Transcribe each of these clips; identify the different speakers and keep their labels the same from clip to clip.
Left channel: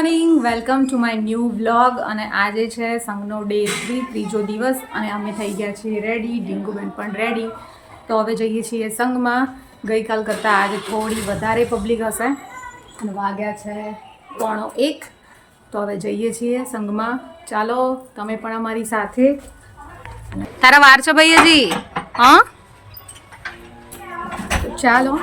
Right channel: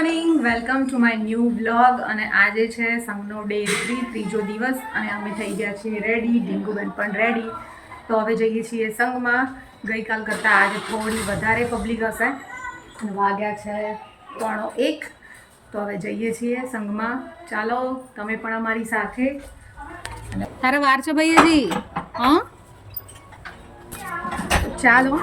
Speaker 1: Morning welcome to my new vlog અને આજે છે સંઘનો ડે થ્રી ત્રીજો દિવસ અને અમે થઈ ગયા છીએ રેડી ડીંગુબેન પણ રેડી તો હવે જઈએ છીએ સંઘમાં. ગઈકાલ કરતાં આજે થોડી વધારે પબ્લિક હશે. અને વાગ્યા છે પોણો એક. તો હવે જઈએ છીએ સંઘમાં. ચાલો, તમે પણ અમારી સાથે. તારા વાર છે ભાઈ હજી હા ચાલો.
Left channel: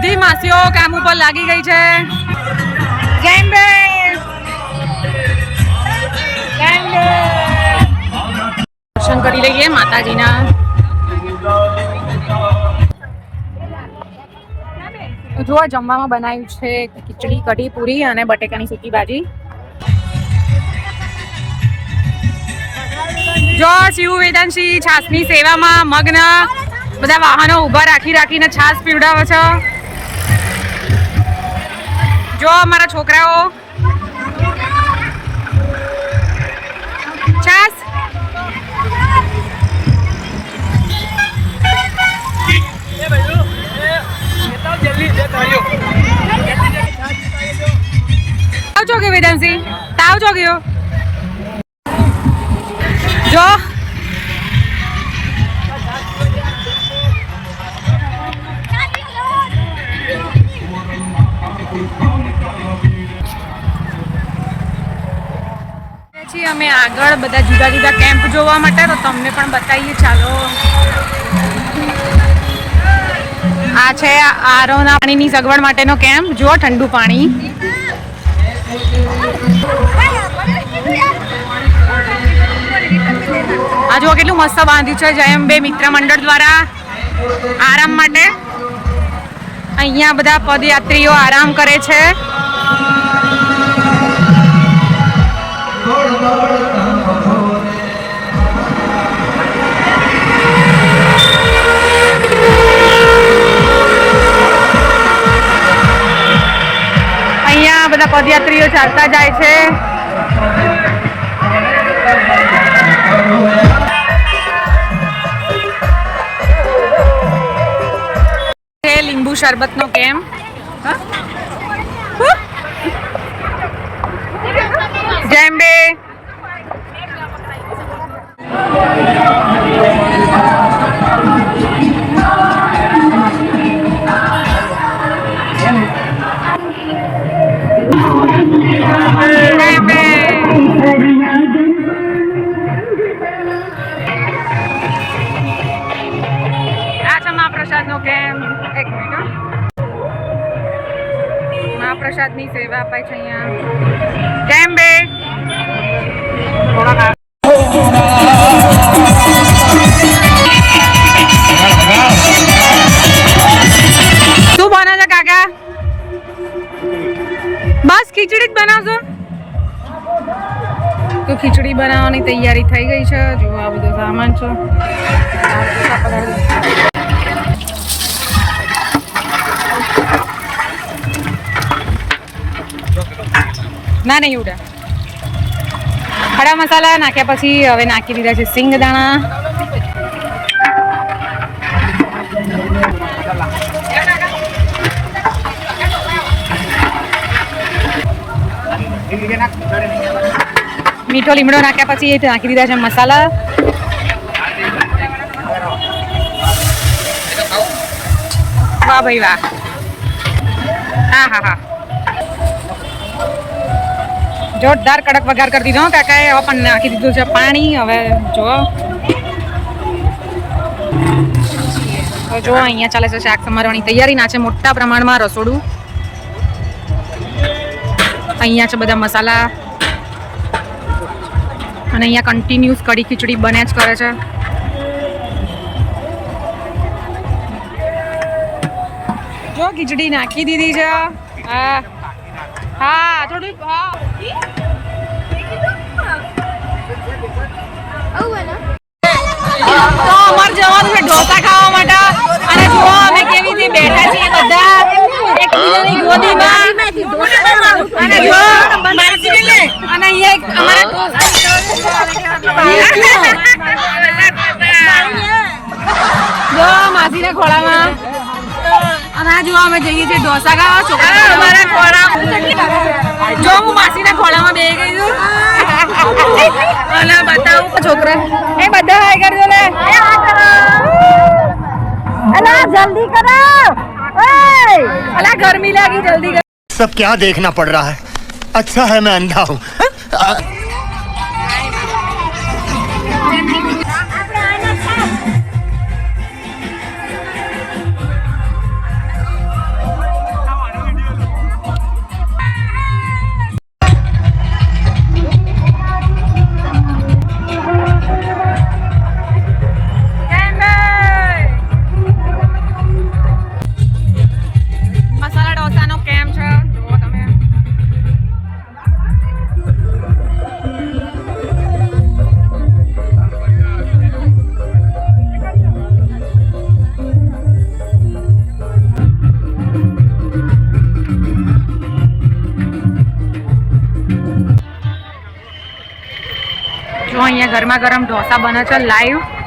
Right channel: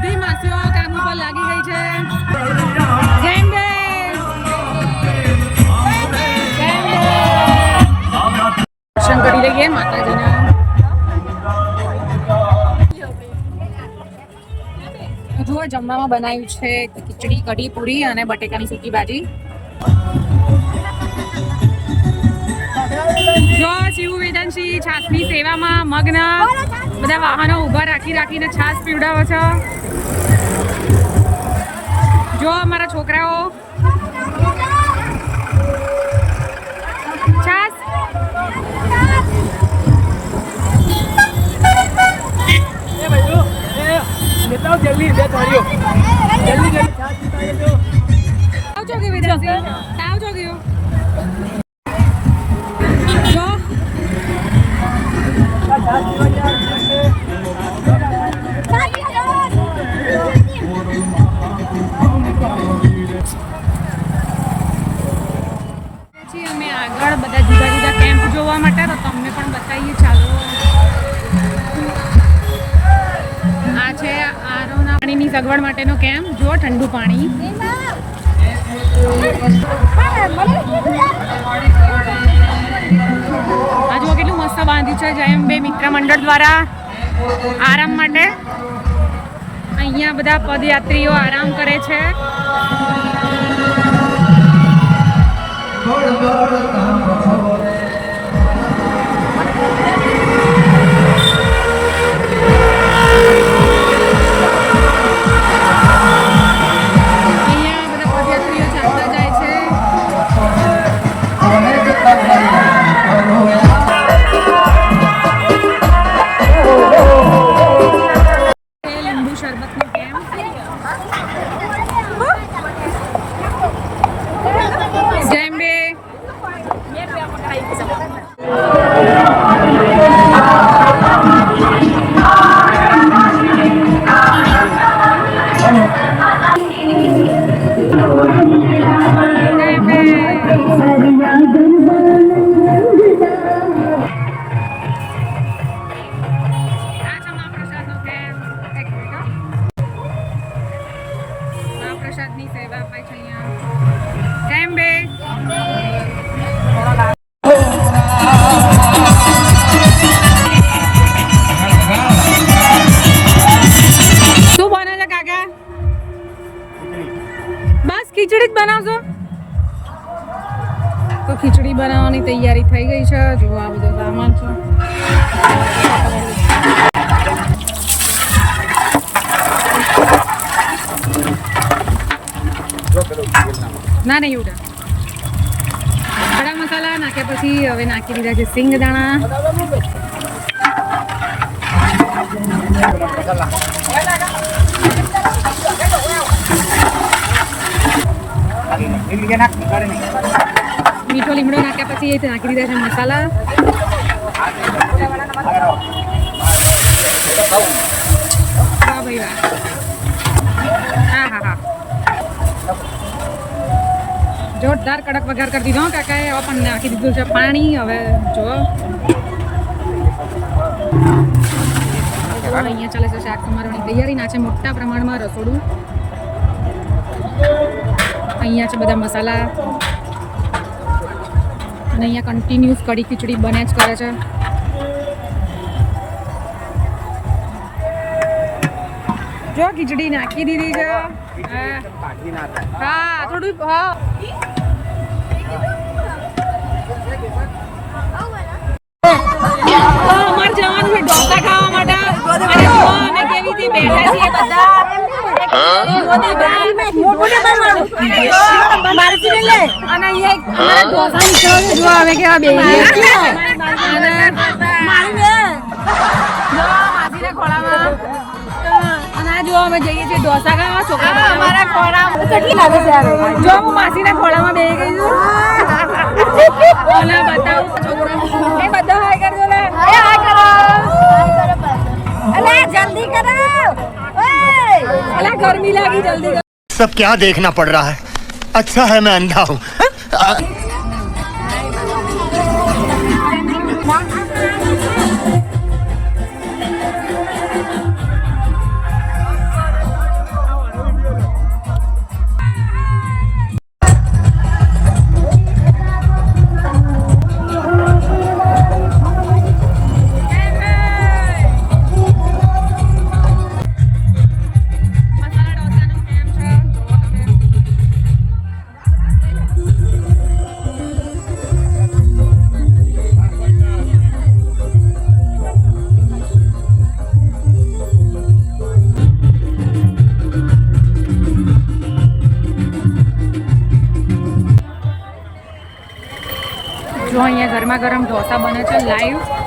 Speaker 1: બધી માસીઓ કામ ઉપર લાગી ગઈ છે. દર્શન કરી લઈએ માતાજીના. જુઓ, જમવામાં બનાવ્યું છે ખીચડી, કઢી, પૂરી અને બટેકાની સૂકી ભાજી. જો શિવ વેદાંશી છાસની સેવામાં મગ્ન. બધા વાહનો ઊભા રાખી રાખીને છાસ પીવડાવે છે. જો અમારા છોકરાઓ. છીએ અમે આગળ બધા જુદા જુદા કેમ્પ જોવા માટે, તો તમને પણ બતાવીએ. ચાલો. આ છે આરોના પાણીની સગવડ માટેનો કેમ્પ જુઓ ઠંડુ પાણી. આ જુઓ કેટલું મસ્ત બાંધ્યું છે જયમ બે મિત્ર મંડળ દ્વારા આરામ માટે. અહીંયા બધા પદયાત્રીઓ આરામ કરે છે. બધા પદયાત્રીઓ ચાલતા જાય છે. લીંબુ લીંબુ શરબતનો કેમ્પ જેમ બે જેમ આ છે મહાપ્રસાદનો કેમ્પ એક મિનિટ મહાપ્રસાદની સેવા અપાય છે અહીંયા. કેમ બે શું બને કાકા? બસ ખીચડી જ બનાવશો તો ખીચડી બનાવવાની તૈયારી થઈ ગઈ છે. જો આ બધો સામાન છે. ના, નહીં ઉડા. ખડા મસાલા નાખ્યા પછી હવે નાખી દીધા છે સિંગ દાણા. મીઠો લીમડો નાખ્યા પછી નાખી દીધા છે મસાલા. વાહ ભાઈ વાહ. હા હા હા. જોરદાર કડક વઘાર કરી દીધો. કાકાએ પણ નાખી દીધું છે પાણી. હવે જો તો જો અહીંયા ચાલે છે શાક સમારવાની તૈયારી. ના છે મોટા પ્રમાણમાં રસોડું. અહીંયા છે બધા મસાલા. અને અહીંયા કન્ટિન્યુઅસ કઢી ખીચડી બને જ કરે છે. જો ખીચડી નાખી દીધી છે. હા, થોડું, હા. બેઠા છીએ બધા. જો અમે કેવા બેઠા. જો માસીના ખોળામાં. અને આ જો અમે જઈએ છીએ ઢોસા ખાવા છોકરા જો હું માસીના ખોળામાં બે ગઈ છું. અને બતાવું છોકરા. એ બધા હાય કરજો ને. એ હાય કરો. અલા જલ્દી કરો અલા ગરમી લાગી જલ્દી કરો
Speaker 2: सब क्या देखना पड़ रहा है अच्छा है मैं अंधा हूँ
Speaker 1: જો અહીંયા ગરમા ગરમ ઢોસા બને છે
Speaker 3: live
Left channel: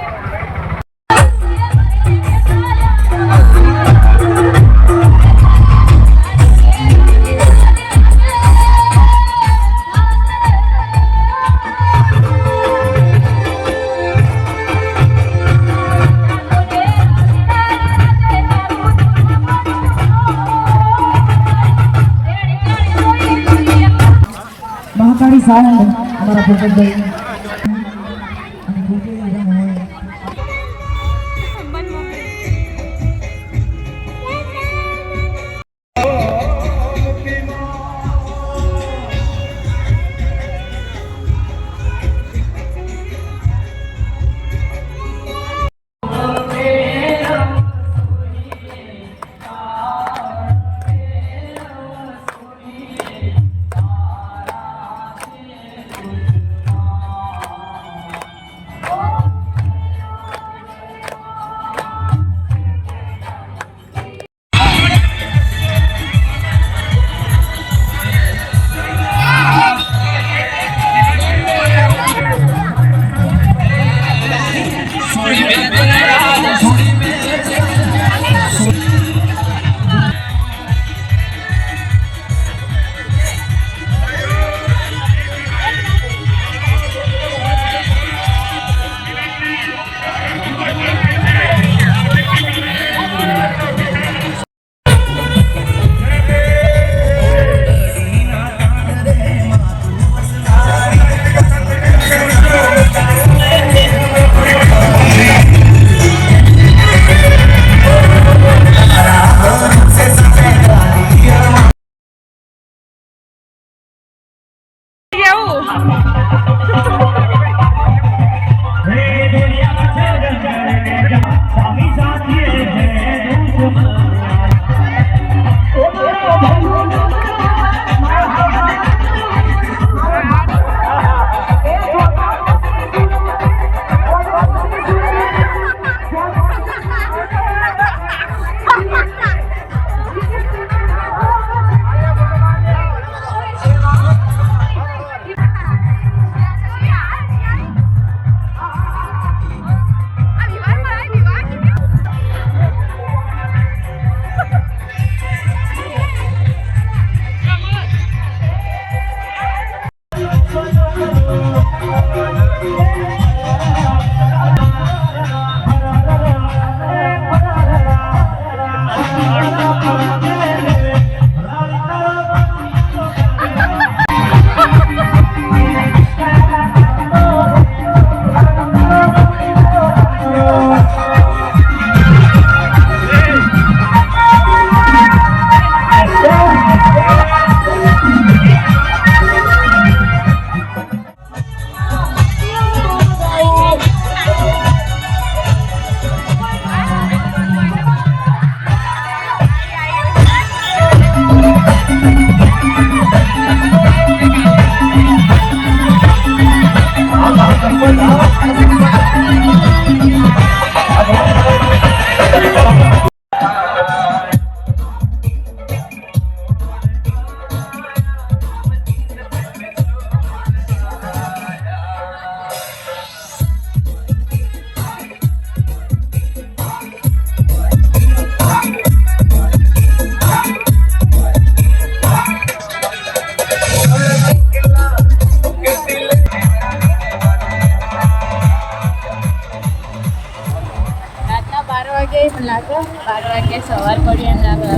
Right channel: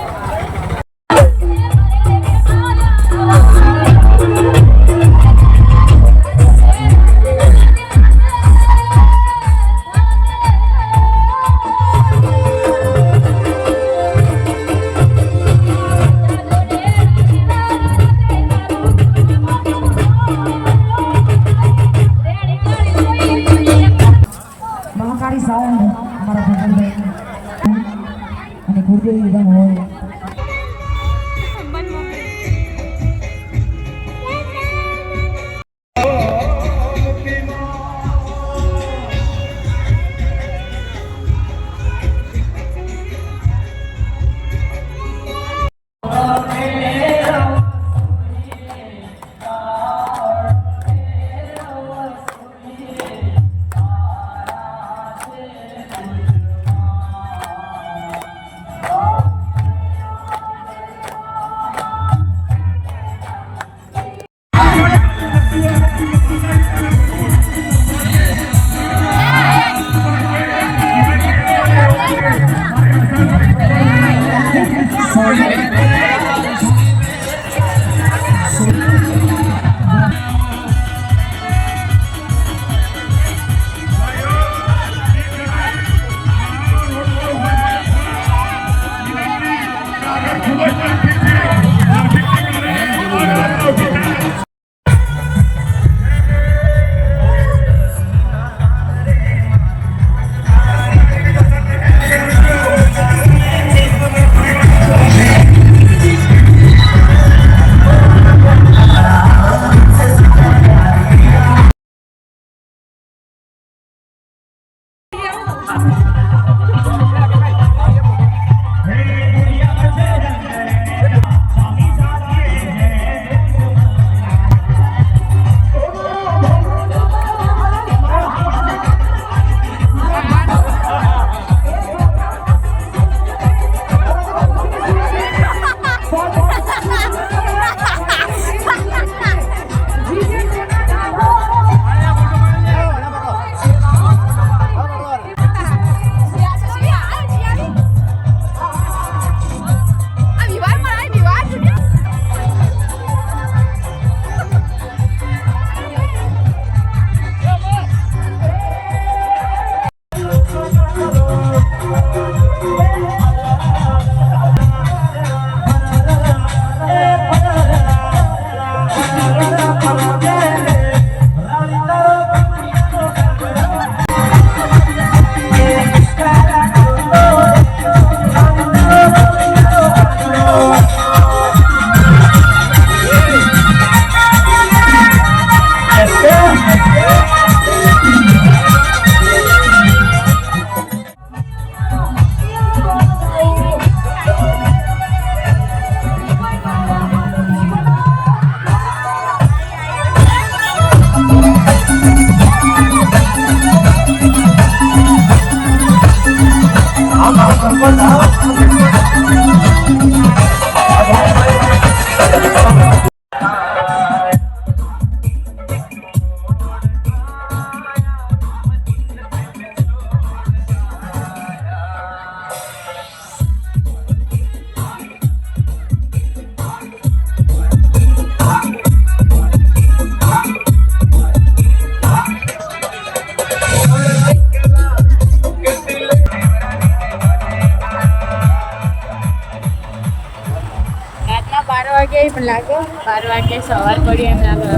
Speaker 3: લાગે બાર વાગે સવાર પડી એમ લાગે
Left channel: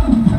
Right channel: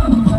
Speaker 4: Thank